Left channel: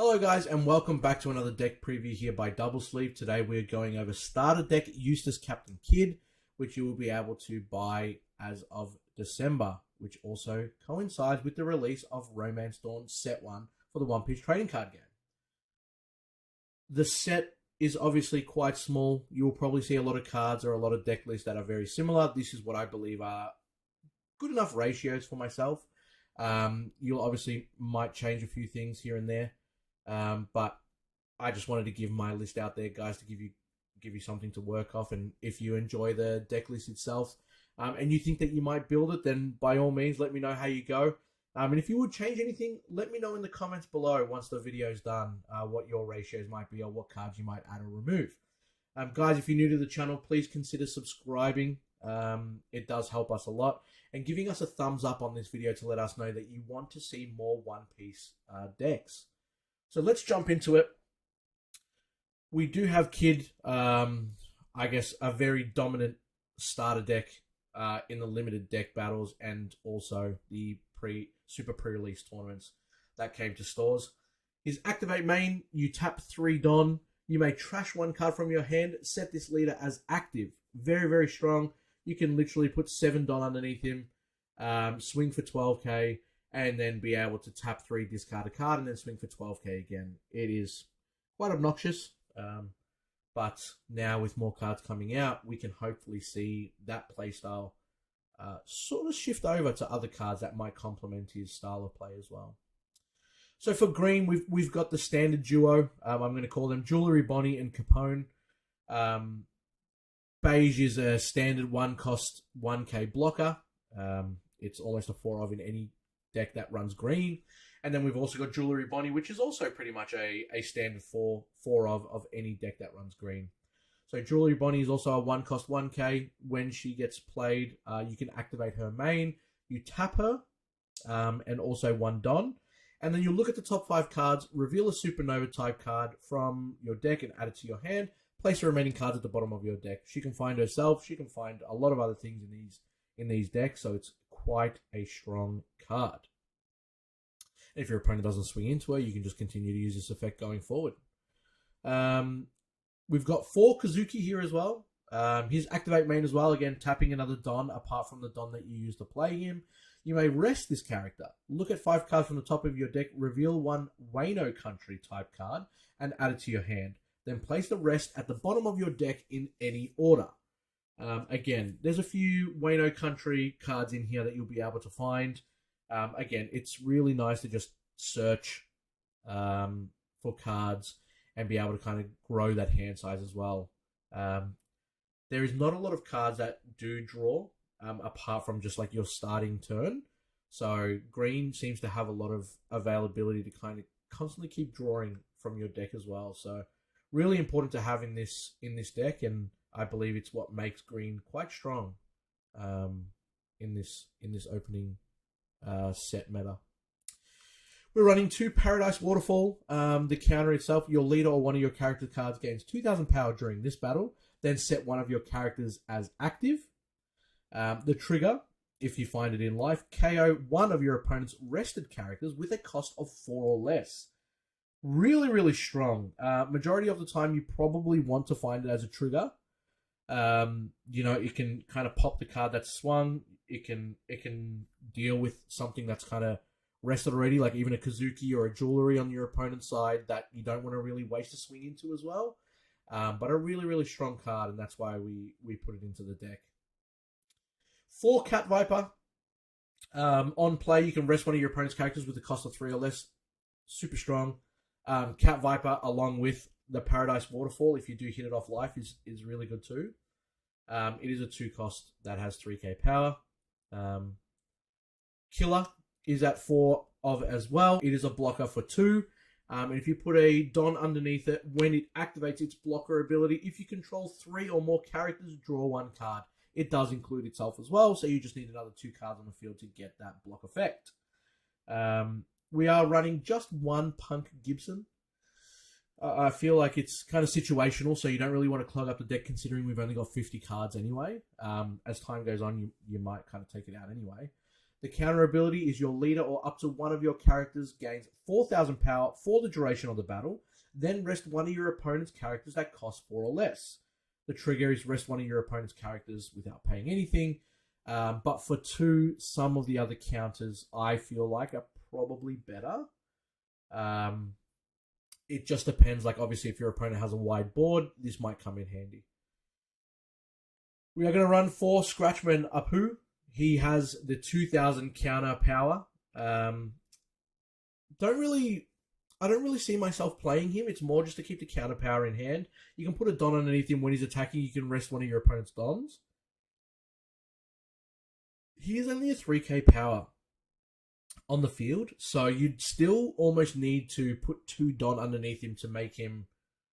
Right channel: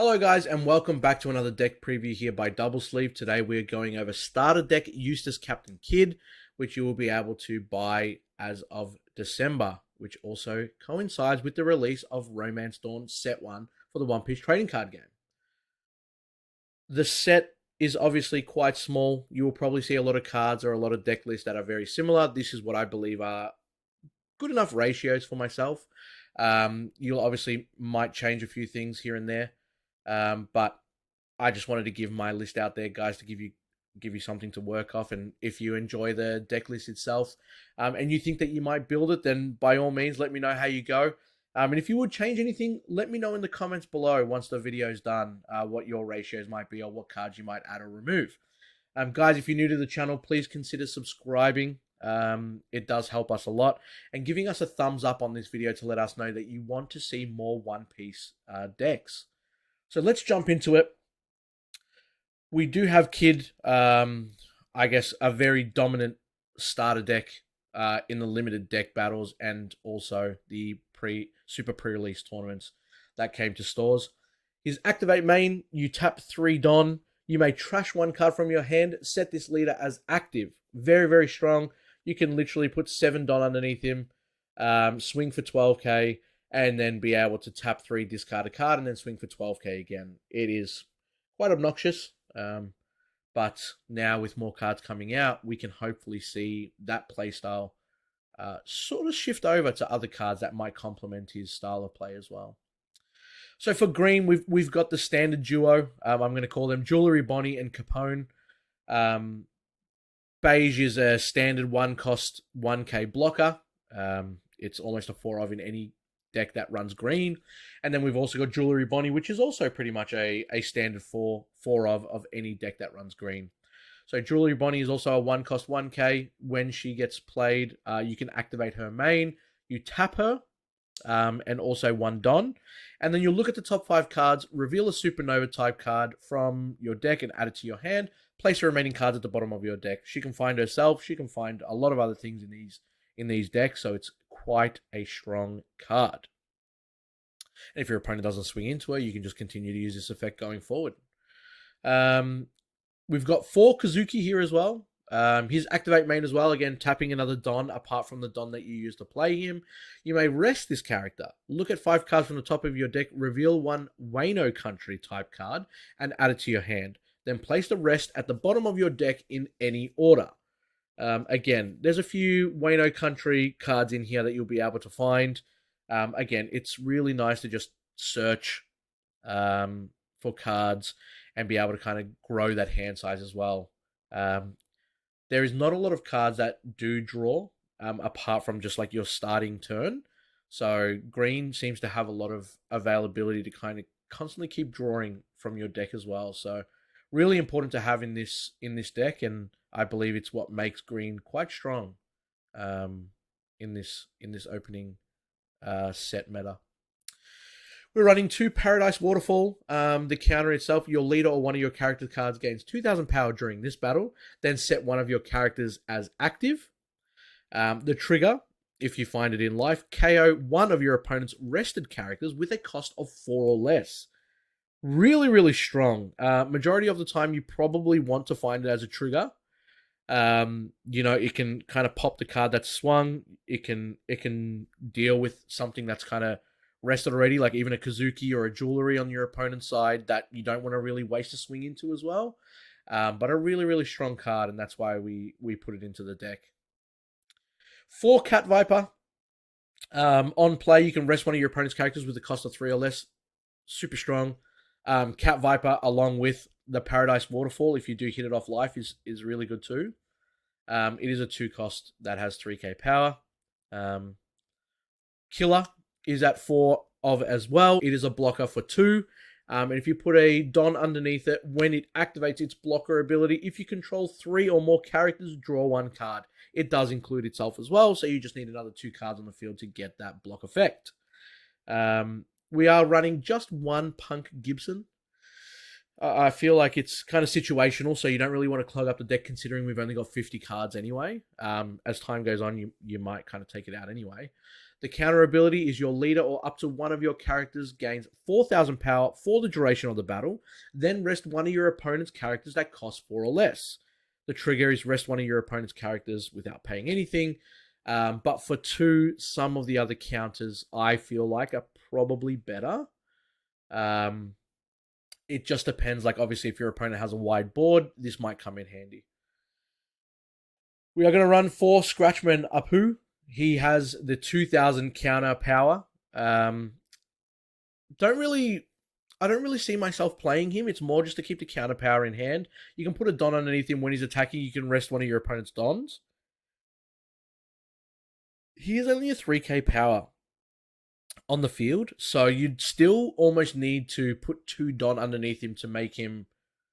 Hello guys and welcome back to another deck preview here by Double Sleeve. Today we're going over starter deck Eustace Captain Kidd, which you will be able to buy as of December, which also coincides with the release of Romance Dawn Set 1 for the One Piece trading card game. The set is obviously quite small. You will probably see a lot of cards or a lot of deck lists that are very similar. This is what I believe are good enough ratios for myself. You'll obviously might change a few things here and there. But I just wanted to give my list out there, guys, to give you something to work off. And if you enjoy the deck list itself, and you think that you might build it, then by all means, let me know how you go. And if you would change anything, let me know in the comments below once the video is done, what your ratios might be or what cards you might add or remove. Guys, if you're new to the channel, please consider subscribing. It does help us a lot, and giving us a thumbs up on this video to let us know that you want to see more One Piece decks. So let's jump into it. We do have Kidd, I guess, a very dominant starter deck in the limited deck battles and also the super pre-release tournaments that came to stores. His activate main, you tap 3 Don. You may trash 1 card from your hand, set this leader as active. Very, very strong. You can literally put 7 Don underneath him, swing for 12k, and then be able to tap 3, discard a card, and then swing for 12k again. It is quite obnoxious, but now with more cards coming out, we can hopefully see that playstyle sort of shift over to other cards that might complement his style of play as well. So for green, we've got the standard duo. I'm going to call them Jewelry Bonnie and Capone. Beige is a standard 1-cost 1k blocker. It's almost a 4-of in any deck that runs green. And then we've also got Jewelry Bonnie, which is also pretty much a standard 4-of of any deck that runs green. So Jewelry Bonnie is also a 1-cost 1k. When she gets played, you can activate her main. You tap her, and also 1 Don. And then you'll look at the top 5 cards, reveal a Supernova type card from your deck and add it to your hand. Place the remaining cards at the bottom of your deck. She can find herself. She can find a lot of other things in these decks, so it's quite a strong card. And if your opponent doesn't swing into her, you can just continue to use this effect going forward. We've got 4 Kazuki here as well. His activate main as well, again, tapping another Don apart from the Don that you use to play him. You may rest this character. Look at 5 cards from the top of your deck, reveal 1 Wano Country type card, and add it to your hand. Then place the rest at the bottom of your deck in any order. Again, there's a few Wano Country cards in here that you'll be able to find. Again, it's really nice to just search for cards and be able to kind of grow that hand size as well. There is not a lot of cards that do draw, apart from just like your starting turn. So green seems to have a lot of availability to kind of constantly keep drawing from your deck as well. So really important to have in this deck, and I believe it's what makes green quite strong in this opening set meta. We're running 2 Paradise Waterfall. The counter itself, your leader or one of your character cards gains 2,000 power during this battle. Then set one of your characters as active. The trigger, if you find it in life, KO one of your opponent's rested characters with a cost of 4 or less. Really, really strong. Majority of the time, you probably want to find it as a trigger. It can kind of pop the card that's swung. It can deal with something that's kind of rested already, like even a Kazuki or a Jewelry on your opponent's side that you don't want to really waste a swing into as well. But a really, really strong card, and that's why we put it into the deck. 4 Cat Viper. On play, you can rest one of your opponent's characters with a cost of 3 or less. Super strong. Cat Viper along with the Paradise Waterfall, if you do hit it off life, is really good too. It is a 2-cost that has 3k power. Killer is at 4 of as well. It is a blocker for 2. And if you put a Don underneath it, when it activates its blocker ability, if you control 3 or more characters, draw 1 card. It does include itself as well, so you just need another 2 cards on the field to get that block effect. We are running just 1 Punk Gibson. I feel like it's kind of situational, so you don't really want to clog up the deck considering we've only got 50 cards anyway. As time goes on, you might kind of take it out anyway. The counter ability is your leader or up to one of your characters gains 4,000 power for the duration of the battle, then rest one of your opponent's characters that cost 4 or less. The trigger is rest one of your opponent's characters without paying anything. But for 2, some of the other counters I feel like are probably better. It just depends. Like, obviously, if your opponent has a wide board, this might come in handy. We are going to run for Scratchman Apu. He has the 2,000 counter power. Don't really, I don't really see myself playing him. It's more just to keep the counter power in hand. You can put a Don underneath him when he's attacking. You can rest one of your opponent's Dons. He is only a 3k power on the field, so you'd still almost need to put 2 Don underneath him to make him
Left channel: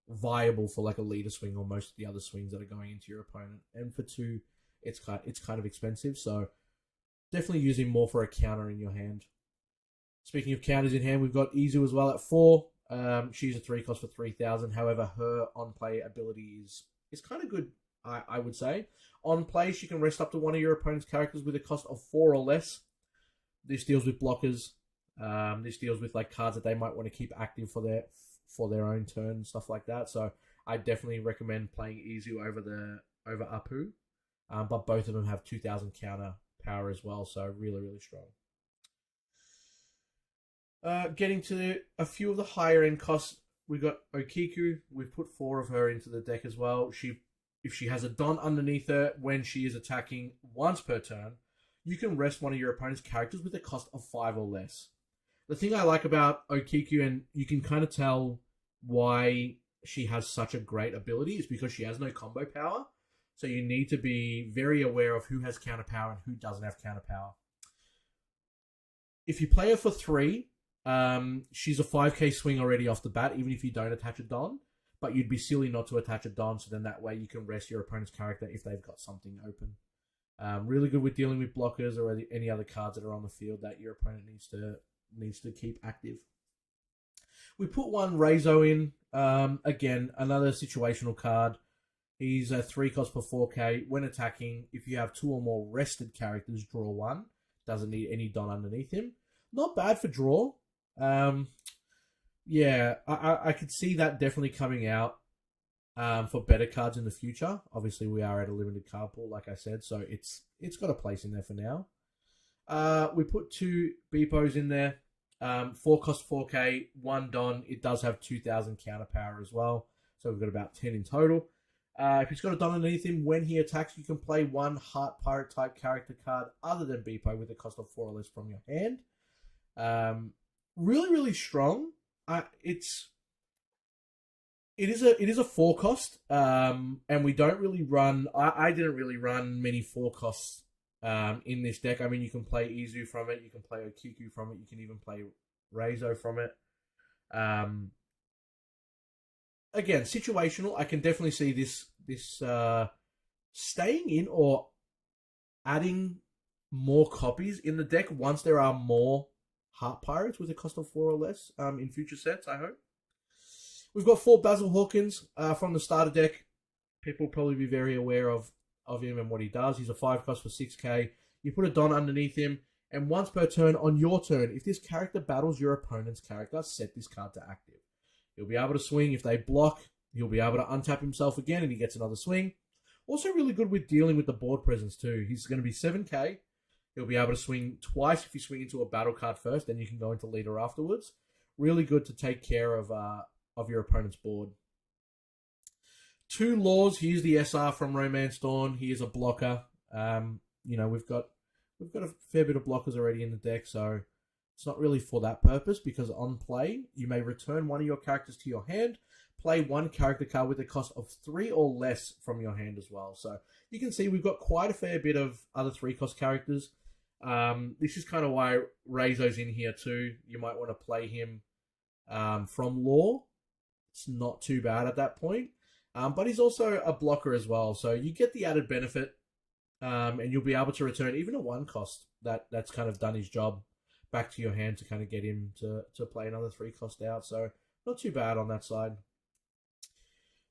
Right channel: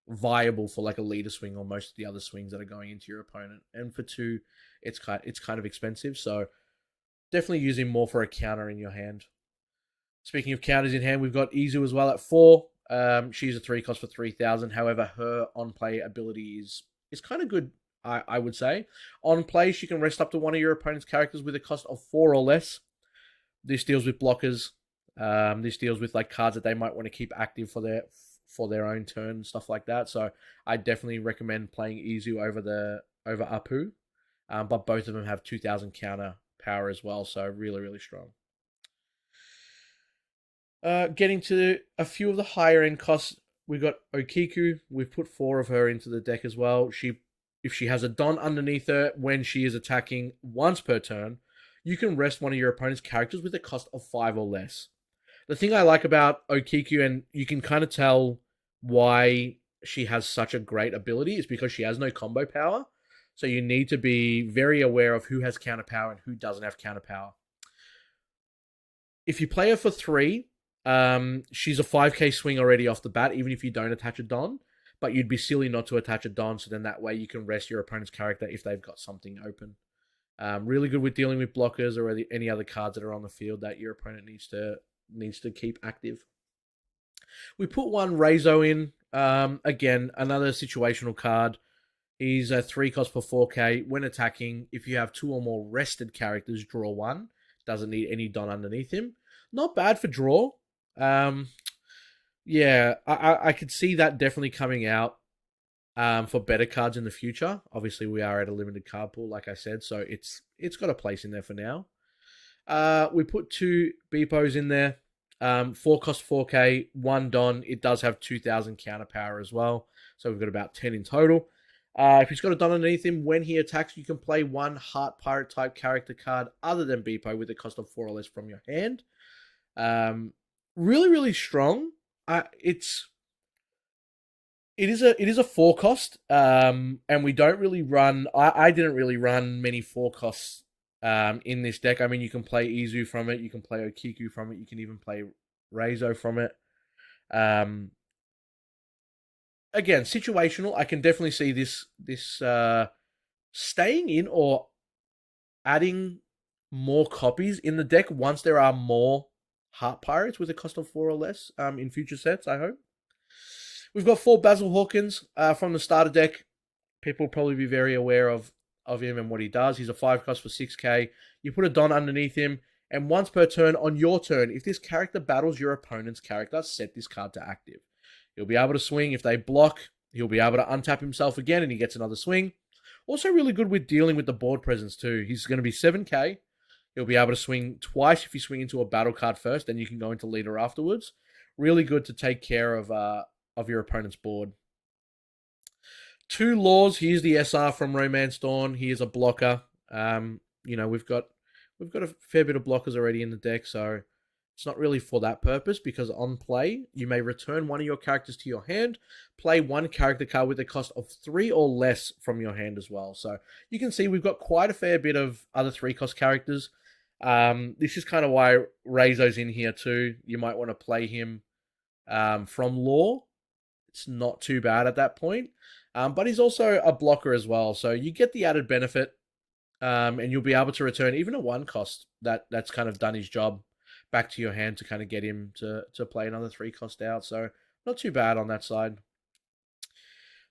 viable for like a leader swing or most of the other swings that are going into your opponent. And for 2, it's kind of expensive, so definitely use him more for a counter in your hand. Speaking of counters in hand, we've got Izu as well at 4. She's a 3 cost for 3,000. However, her on play ability is kind of good, I would say. On play, she can rest up to one of your opponent's characters with a cost of 4 or less. This deals with blockers. This deals with like cards that they might want to keep active for their own turn, stuff like that. So I definitely recommend playing Izu over Apu. But both of them have 2,000 counter power as well, so really, really strong. Getting to a few of the higher end costs, we've got Okiku. We've put 4 of her into the deck as well. If she has a Don underneath her when she is attacking once per turn, you can rest one of your opponent's characters with a cost of 5 or less. The thing I like about Okiku, and you can kind of tell why she has such a great ability, is because she has no combo power. So you need to be very aware of who has counter power and who doesn't have counter power. If you play her for 3, she's a 5k swing already off the bat, even if you don't attach a Don. But you'd be silly not to attach a Don, so then that way you can rest your opponent's character if they've got something open. Really good with dealing with blockers or any other cards that are on the field that your opponent needs to keep active. We put 1 Reizo in. Again, another situational card. He's a 3 cost for 4k. When attacking, if you have 2 or more rested characters, draw 1. Doesn't need any Don underneath him. Not bad for draw. Yeah, I could see that definitely coming out for better cards in the future. Obviously, we are at a limited card pool, like I said, so it's got a place in there for now. We put 2 Beepos in there. 4 cost 4k, 1 Don. It does have 2,000 counter power as well, so we've got about 10 in total. If he's got a Don underneath him, when he attacks, you can play 1 Heart Pirate type character card other than Beepo with a cost of 4 or less from your hand. Really, really strong. It is a 4 cost, and we don't really run. I didn't really run many 4 costs in this deck. I mean, you can play Izu from it, you can play Okiku from it, you can even play Reizo from it. Again, situational. I can definitely see this staying in or adding more copies in the deck once there are more Heart Pirates with a cost of 4 or less in future sets, I hope. We've got 4 Basil Hawkins from the starter deck. People will probably be very aware of him and what he does. He's a 5 cost for 6k. You put a Don underneath him, and once per turn on your turn, if this character battles your opponent's character, set this card to active. He'll be able to swing. If they block, he'll be able to untap himself again and he gets another swing. Also really good with dealing with the board presence too. He's going to be 7k. He'll be able to swing twice if you swing into a battle card first, then you can go into leader afterwards. Really good to take care of your opponent's board. 2 Laws. Here's the SR from Romance Dawn. He is a blocker. We've got a fair bit of blockers already in the deck, so it's not really for that purpose, because on play, you may return one of your characters to your hand, play 1 character card with a cost of 3 or less from your hand as well. So you can see we've got quite a fair bit of other 3 cost characters. This is kind of why Reizo's in here too. You might want to play him from Law. It's not too bad at that point. But he's also a blocker as well, so you get the added benefit, and you'll be able to return even a 1 cost that's kind of done his job back to your hand to kind of get him to play another 3 cost out. So not too bad on that side.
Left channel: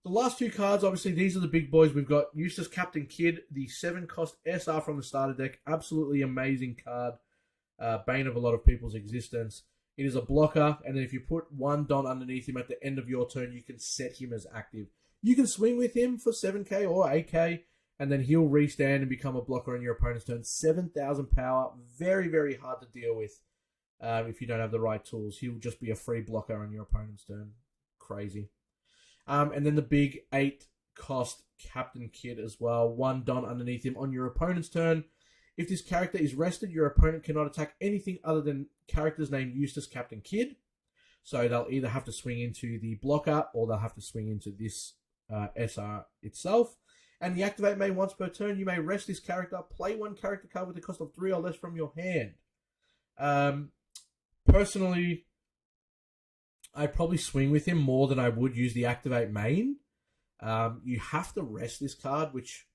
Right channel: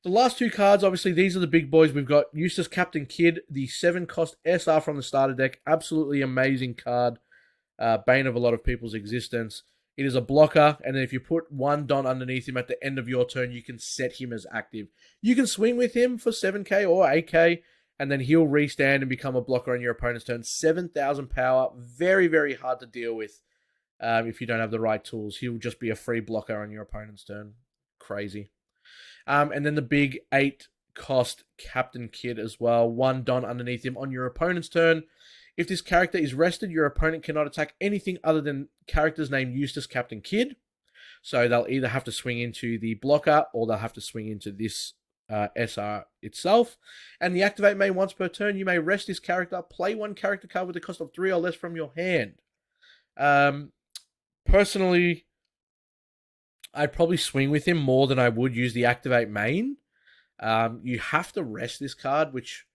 The last 2 cards, obviously, these are the big boys. We've got Eustace Captain Kidd, the 7 cost SR from the starter deck. Absolutely amazing card. bane of a lot of people's existence. It is a blocker, and then if you put one Don underneath him at the end of your turn, you can set him as active. You can swing with him for 7k or 8k, and then he'll restand and become a blocker on your opponent's turn. 7,000 power, very, very hard to deal with if you don't have the right tools. He'll just be a free blocker on your opponent's turn. Crazy. And then the big 8 cost Captain Kidd as well. One Don underneath him on your opponent's turn. If this character is rested, your opponent cannot attack anything other than characters named Eustace Captain Kidd. So they'll either have to swing into the blocker or they'll have to swing into this SR itself. And the activate main once per turn. You may rest this character, play one character card with the cost of 3 or less from your hand. Personally, I'd probably swing with him more than I would use the activate main. You have to rest this card, which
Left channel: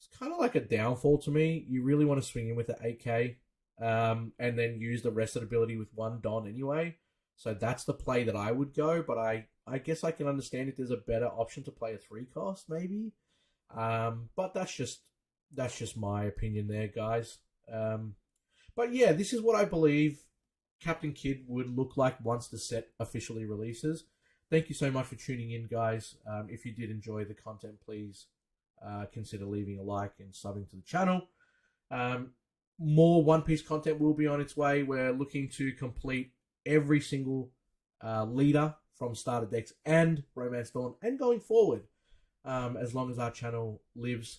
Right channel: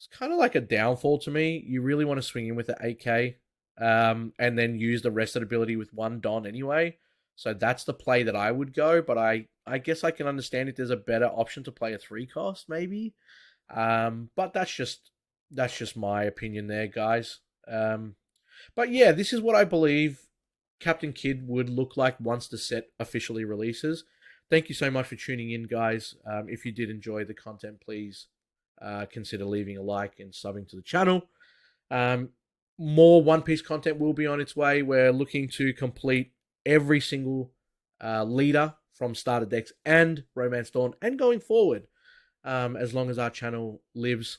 is kind of like a downfall to me. You really want to swing in with the 8k and then use the rested ability with one Don anyway. So that's the play that I would go, but I guess I can understand if there's a better option to play a 3 cost maybe. But that's just my opinion there, guys. But yeah, this is what I believe Captain Kidd would look like once the set officially releases. Thank you so much for tuning in, guys. If you did enjoy the content, please consider leaving a like and subbing to the channel. More One Piece content will be on its way. We're looking to complete every single leader from Starter Decks and Romance Dawn and going forward as long as our channel lives.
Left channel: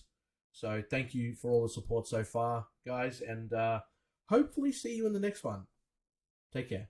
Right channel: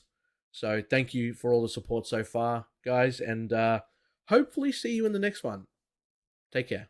So thank you for all the support so far, guys, and hopefully see you in the next one. Take care.